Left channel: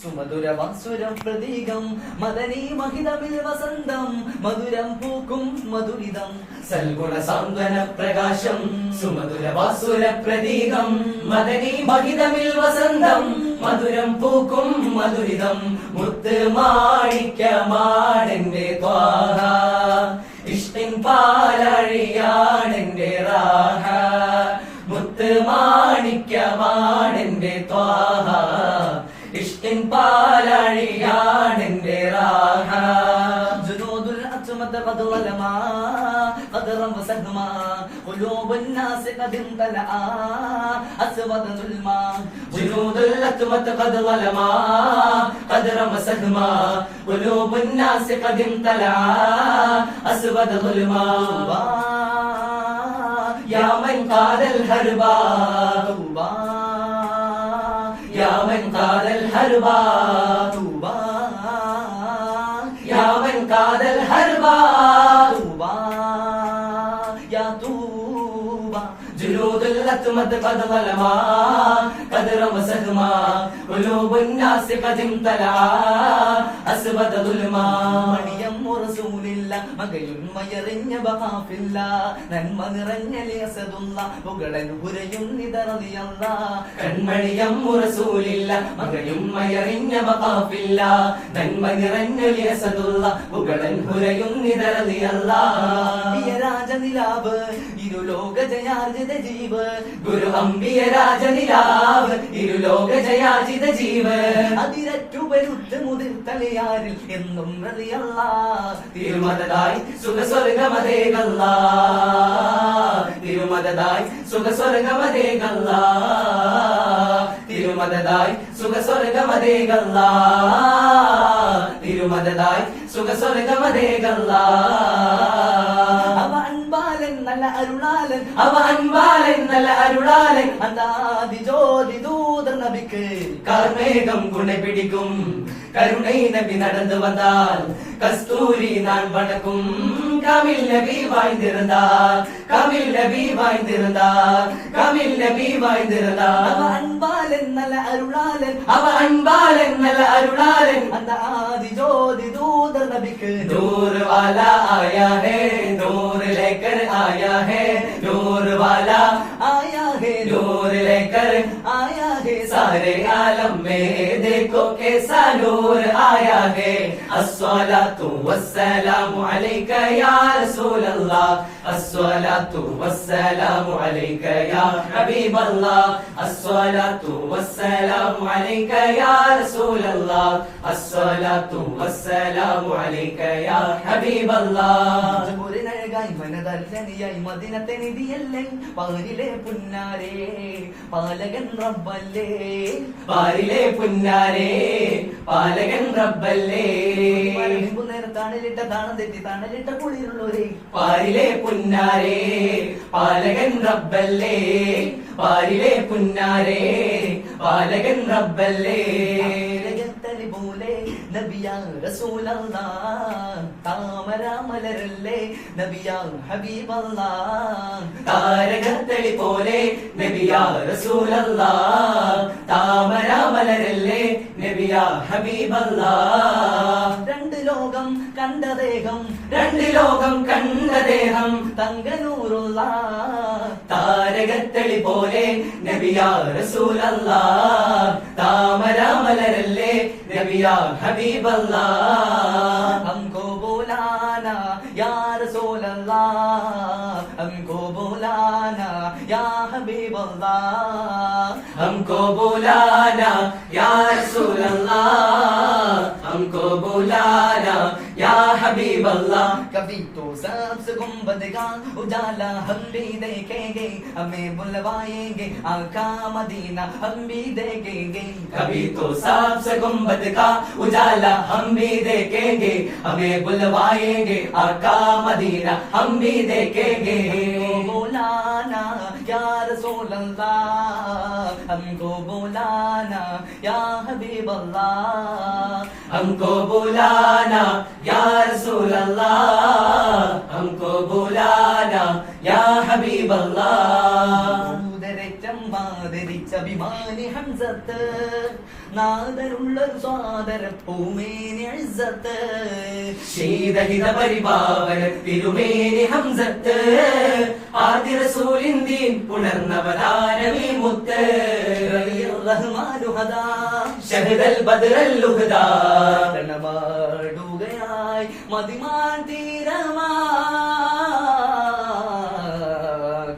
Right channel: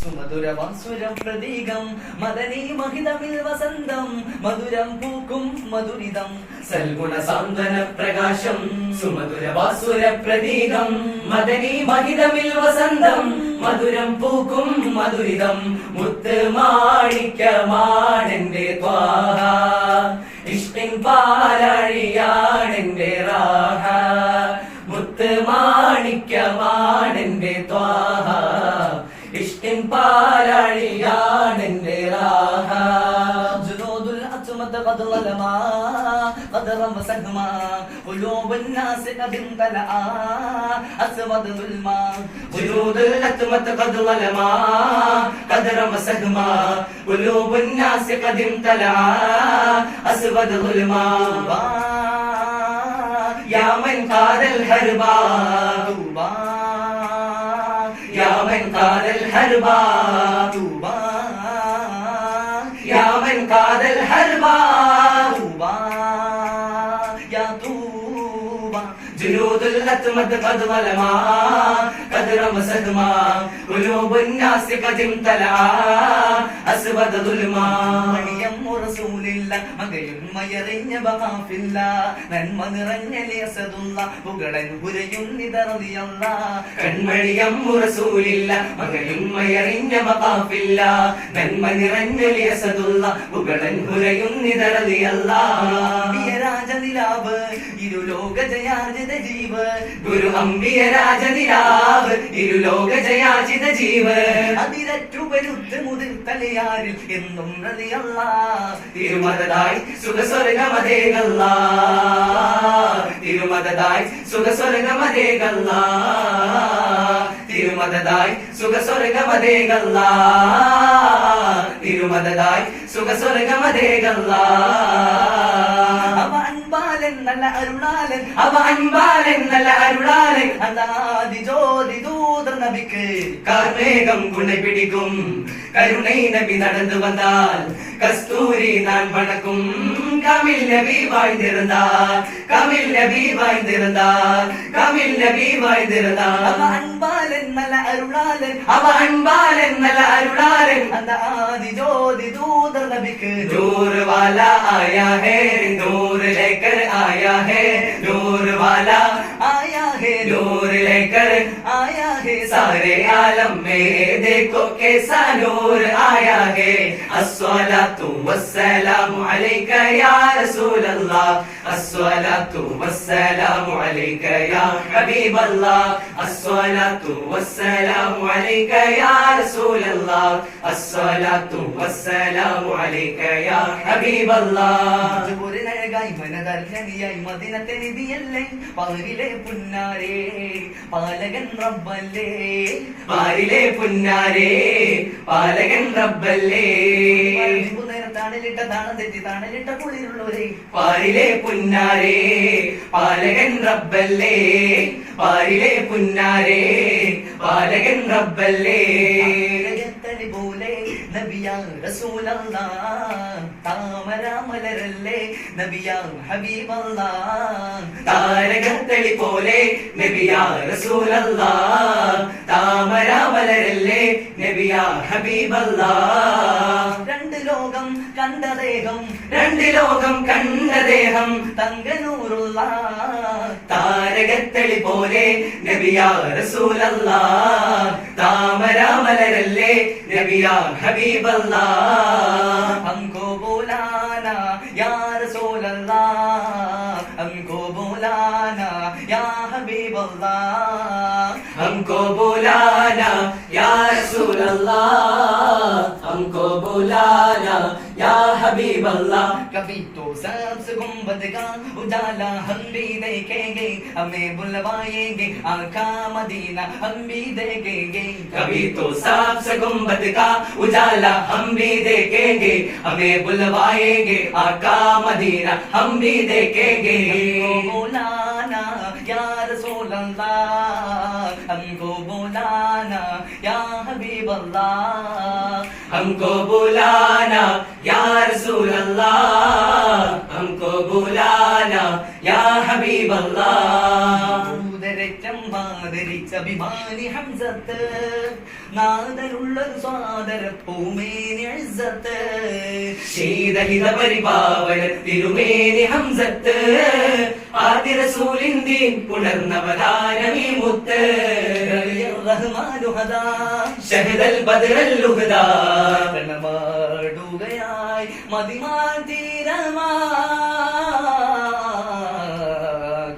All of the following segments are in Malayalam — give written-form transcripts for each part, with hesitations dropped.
സുമധുരവാസുരം പ്രതീകം മദനീ മഹിതമിൽ വസന്തം മധുരം പൂക്കും മധുരിതം സൽഗുണ സാന്ത്വന പ്രകാശം സുമധുരവാസുര പ്രതീകം മദനീ മഹിതമിൽ വസന്തം മധുരം പൂക്കും മധുരിതം മുത്ത് മാണിക്യമാണെന്റെ ത്വാഹ ഇഷ്കിൻ പാലഴിയാണെന്റെ റാഹ മുത്ത് മാണിക്യമാണെന്റെ ത്വാഹ ഇഷ്കിൻ പാലഴിയാണെന്റെ റാഹ ജുനൂദുൽ അത്മത ഖദ് ലലമാ ഖദറം വസഹമാ ഖുലൂബുൻ നാസ് ഖദ് തലആ അസ്വദ ദുൽമാ ജുനൂദുൽ അത്മത ഖദ് ലലമാ ഖദറം വസഹമാ ഖുലൂബുൻ നാസ് ഖദ് തലആ അസ്വദ ദുൽമാ യാ മൻ ഖാദൽ ഹർബാ തൂബാ യാ മൻ ഖാദൽ ഹർബാ തൂബാ യാ മൻ ഖാദൽ ഹർബാ തൂബാ യാ തൂബാ جنود الأتمد قد ظلما قد رمسهما قلوب الناس قد امتلعا أسود ظلما മണിയം റസൂലില്ല മകയുന്മയറിഞ്ഞ ബഖാഫില്ല നന്മ നിറഞ്ഞ ലിയസദുല്ല പുകടൻ ഹുരയുന്നിതറിയല്ല കൺമണിയം റസൂലില്ല മകയുന്മയറിഞ്ഞ ബഖാഫില്ല നന്മ നിറഞ്ഞ ലിയസദുല്ല പുകടൻ ഹുരയുന്നിതറിയല്ല രാജനിലാവ് ഇരുലോക ജയാർജിത ജീവ് ഗുരു അംബിയ രാജനിലാവ് ഇരുലോക ജയാർജിത ജീവ് അതിരറ്റു വരുത്ത് മുതിർ തലയാരിൽ എന്നും റളിയല്ല തിരുമതതായി സുഖസ്വർഗമതേകല്ല തിരുമതതായി സുഖസ്വർഗമതേകല്ല തിരുമതതായി സുഖസ്വർഗമതേകല്ല തിരുമതതായി സുഖസ്വർഗമതേകല്ല അവ അൻപാലൻ നല്ല അരുളാലൻ അവ അൻപാലൻ നല്ല അരുളാലൻ അന്താതി ജ്യോതി ദൂതർ നബിക്ക് കാർമേகம் குணை பிடிக்கும் கருணை நபி நடந்து வந்தால் கஸ்தூரி நான் வணக்கும் கமில் நபி வாழ்ந்திருந்தார் கமில் நபி வாழ்ந்திருந்தார் கமில் நபி അവ வாழ்ந்திருந்தார் അൻപാലൻ നല്ല അരുളാലൻ அவ அன்பாலன் நல்ல அருளாளன் അന്താതി ജ്യോതി ദൂതർ നബിക്ക് नूर वाला आया है नूर लेकर आया है नूर वाला आया है नूर लेकर आया है सारे आलम में देखो कैसा नूर आया है अस्सलातु वस्सलामु अलैका या रसूल अल्लाह अस्सलातु वस्सलामु अलैका या हबीब अल्लाह अस्सलातु वस्सलामु अलैका या रसूल अल्लाह अस्सलातु वस्सलामु अलैका या हबीब अल्लाह ഴകായി മനതർജനിയായി മദിനത്തെ നിധിയല്ലേ പാരിലെ പുന്നാരേ പാലകൻ റബ്ബല്ലേ പാരിലെ പുന്നാരേ പാലകൻ റബ്ബല്ലേ നേരം താണലിട്ട താണം തെറ്റി താണലിട്ട കുളിരുള്ളവരെ പാരിലെ പുന്നാരേ പാലകൻ റബ്ബല്ലേ പാരിലെ പുന്നാരേ പാലകൻ റബ്ബല്ലേ ജഗത്തനി പോലെ നബിയാ റസൂലല്ലാ താമര മലരല്ലേ നബിയാ ഹബീബല്ലാ താരകത്തളി പോലെ നബിയാ റസൂലല്ലാ താമര മലരല്ലേ നബിയാ ഹബീബല്ലാ രണ്ട് ലോകം കണ്ട ദേഹം രണ്ട് ലോകം കണ്ട ദേഹം തങ്കനൂറുള്ള താരകത്തളി പോലെ നബിയാ റസൂലല്ലാ താമര മലരല്ലേ നബിയാ ഹബീബല്ലാ हमको बुलाना या रसूल अल्लाह हमको बुलाना या हबीब अल्लाह हमको बुलाना या रसूल अल्लाह हमको बुलाना या हबीब अल्लाह कभी तो सबसे गुंबद का उजाला हम भी देखेंगे हमें बुलवाएंगे आका मदीना हम भी देखेंगे कभी तो सबसे गुंबद का उजाला हम भी देखेंगे हमें बुलवाएंगे आका मदीना हम भी देखेंगे बुलाना या रसूल अल्लाह हमको बुलाना या हबीब अल्लाह हमको बुलाना या रसूल अल्लाह हमको बुलाना या हबीब अल्लाह ഉദരച്ചം ആദരിച്ച അഭിമാനി ഹംസത്ത് നാദനുള്ളൊരു സ്വാദര പൂമേനി ഇസ്സത്ത് ശീതഹിത പരിപാവന തിരുമേനി ഹംസത്ത് ആദ്യ റസൂലിന്ദീൻ പുണർന്നവതാരമീ മുത്ത് റഹ്മാനു ഹദാ ഷഹദൽ ബദ്റൽ ലുഹദാ കണവാടുകയായി മദിമാൻ തീരമാ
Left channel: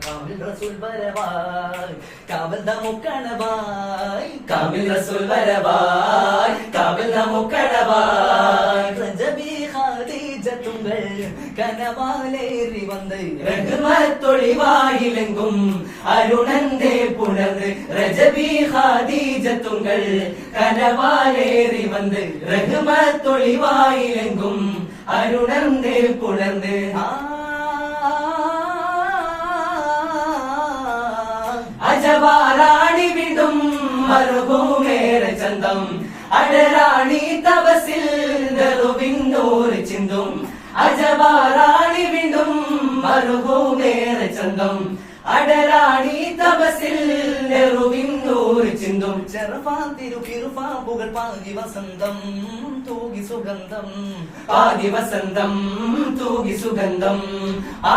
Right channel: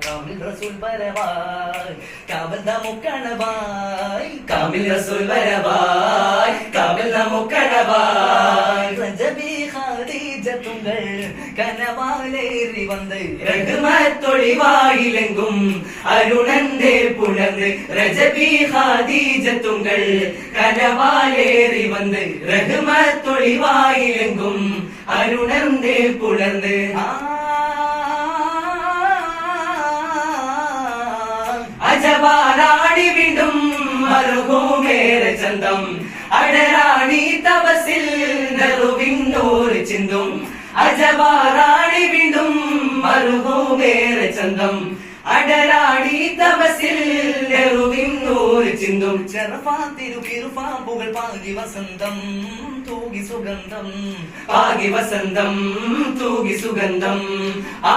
കാമിൽ റസൂൽ വരവായി കാവൽ നമുക്കണവായി കാമിൽ റസൂൽ വരവായി കാവൽ നമുക്കണവായി റജബി ഖദീജത്തുങ്കൾ കനവാലേറി വന്ന് റഹ്മത്തൊളിവായിലെങ്കും അരുണന്റെ പുണർന്ന് രജബി ഖദീജത്തുങ്കൾ കനവാലേറി വന്ന് റഹ്മത്തൊളിവായിലെങ്കും അരുണന്റെ പുണർന്ന് അജവാറാണി വിടും മരുഭൂമേറെ ചന്തം അടരാണി തപസിൽ നെറുവിന്നൂറ് ചിന്തും അജവാറാണി വിടും മരുഭൂമേറെ ചന്തം അടരാണി തപസിൽ നെറുവിന്നൂറ് ചിന്തും ചെറുപാതിരുകിറുപാമ്പുകൾ പാകി വസന്തം തൂകി സുഗന്ധം പാകി വസന്തം തൂകി സുഗന്ധം ആ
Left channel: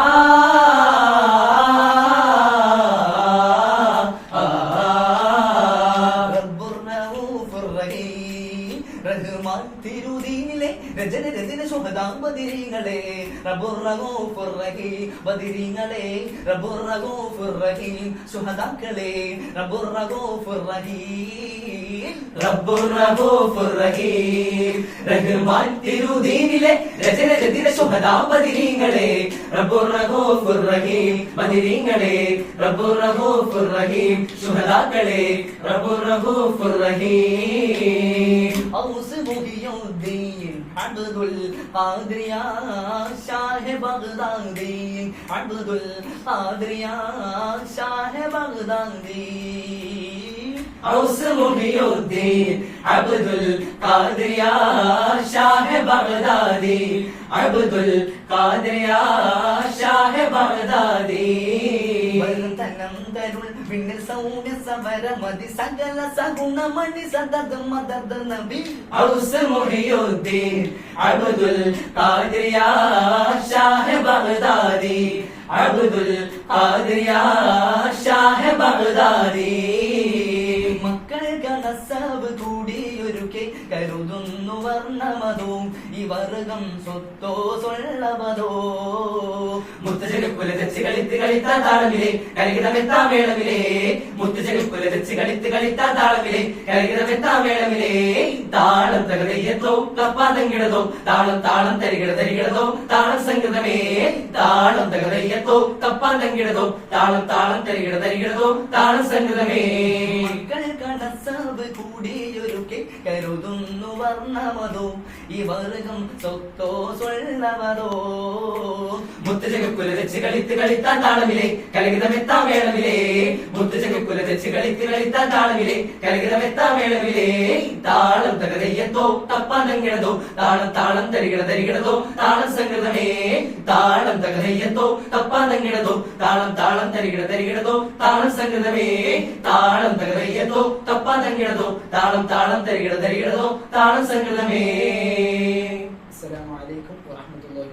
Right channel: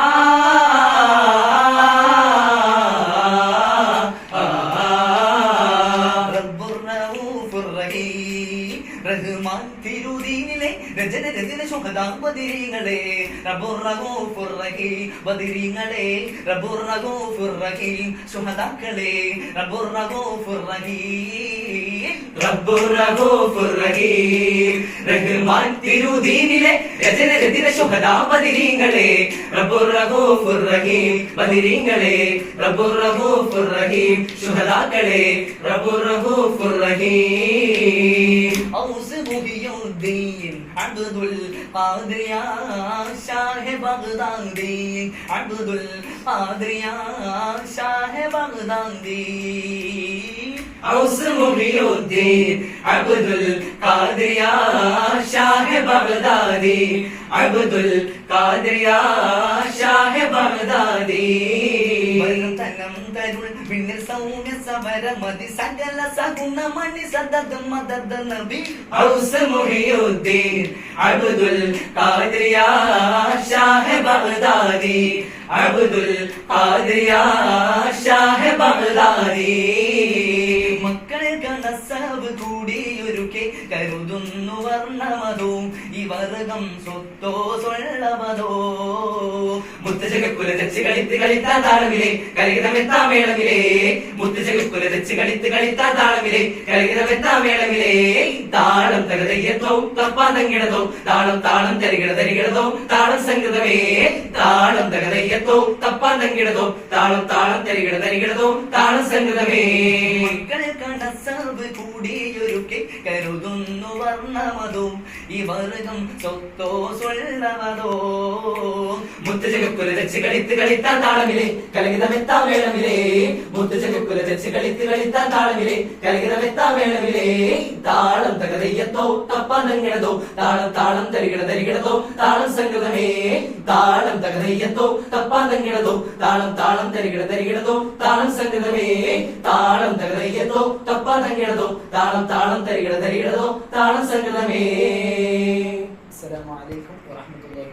റഹ്മാൻ തിരുദീനിലെ രചന രചന ശുഹദാ ബദിരീങ്ങളെ റബ്ബുർ റഊഫുർ റഹീം ബദിരീങ്ങളെ റബ്ബുർ റഊഫുർ റഹീം ശുഹദാക്കളെ റബ്ബുർ റഊഫുർ റഹീം റബ്ബുർ റഊഫുർ റഹീം റഹ്മാൻ തിരുദീനിലെ രചന രചന ശുഹദാ ബദിരീങ്ങളെ റബ്ബുർ റഊഫുർ റഹീം ബദിരീങ്ങളെ റബ്ബുർ റഊഫുർ റഹീം ശുഹദാക്കളെ റബ്ബുർ റഊഫുർ റഹീം ഔസ് മുഹിയുദ്ദീൻ അബ്ദുൽ ഖാദിർ ഷാഹ് ബഗ്ദാദി അബ്ദുൽ ഖാദിർ ഷാഹ് ബഗ്ദാദി ഔസ് മുഹിയുദ്ദീൻ അബ്ദുൽ ഖാദിർ ഷാഹ് ബഗ്ദാദി അബ്ദുൽ ഖാദിർ ഷാഹ് ബഗ്ദാദി തനം തരുൾ വിണ്ണിൽ സൗമ്യ സമരമതി സകല സഗുണമണി സദഗം മദദ നബി ഔസ് മുഹിയുദ്ദീൻ അബ്ദുൽ ഖാദിർ ഷാഹ് ബഗ്ദാദി അബ്ദുൽ ഖാദിർ ഷാഹ് ബഗ്ദാദി മക്കൾ കണസവ് കൂടിയൊരുക്കെ കരുതുന്നു വർണ്ണമതോ ഈ വർഗം സ്വത്തോ സ്വള്ളവതോ മുത്തജകുല തെച്ച് കളിത്ത് കളിത്താ താളമിലെ കലകിതമെത്താ മേളമിലെ മുത്തജകുല തെച്ച് കളിത്ത് കളിത്താ താളമിലെ കലകിതമെത്താ മേളമിലെ താളം തകതയ്യത്തോ തപ്പാതങ്കിടതോ താളം താളം തരികിടതോ താളം സംഗതമേ താളം തകതയ്യത്തോ തപ്പാതങ്കിടതോ താളം താളം തരികിടതോ താളം സംഗതമേ മക്കൾ കണസവ് കൂടിയൊരുക്കെ കരുതുന്നു വർണ്ണമതോ ഈ വർഗം സ്വത്തോ സ്വള്ളവതോ മുത്തജകുല തെച്ച് കളിത്ത് കളിത്താ താളമിലെ കലകിതമെത്താ മേളമിലെ മുത്തജകുല തെച്ച് കളിത്ത് കളിത്താ താളമിലെ കലകിതമെത്താ മേളമിലെ താളം തകതയ്യത്തോ തപ്പാതങ്കിടതോ താളം താളം തരികിടതോ താളം സംഗതമേ താളം തകതയ്യത്തോ തപ്പാതങ്കിടതോ താളം താളം തരികിടതോ താളം സംഗതമേ താളം തകതയ്യത്തോ തപ്പാതങ്കിടതോ താളം താളം തരികിടതോ താളം സംഗതമേ. അസ്സലാമു അലൈക്കും വറഹ്മത്തുള്ളാഹി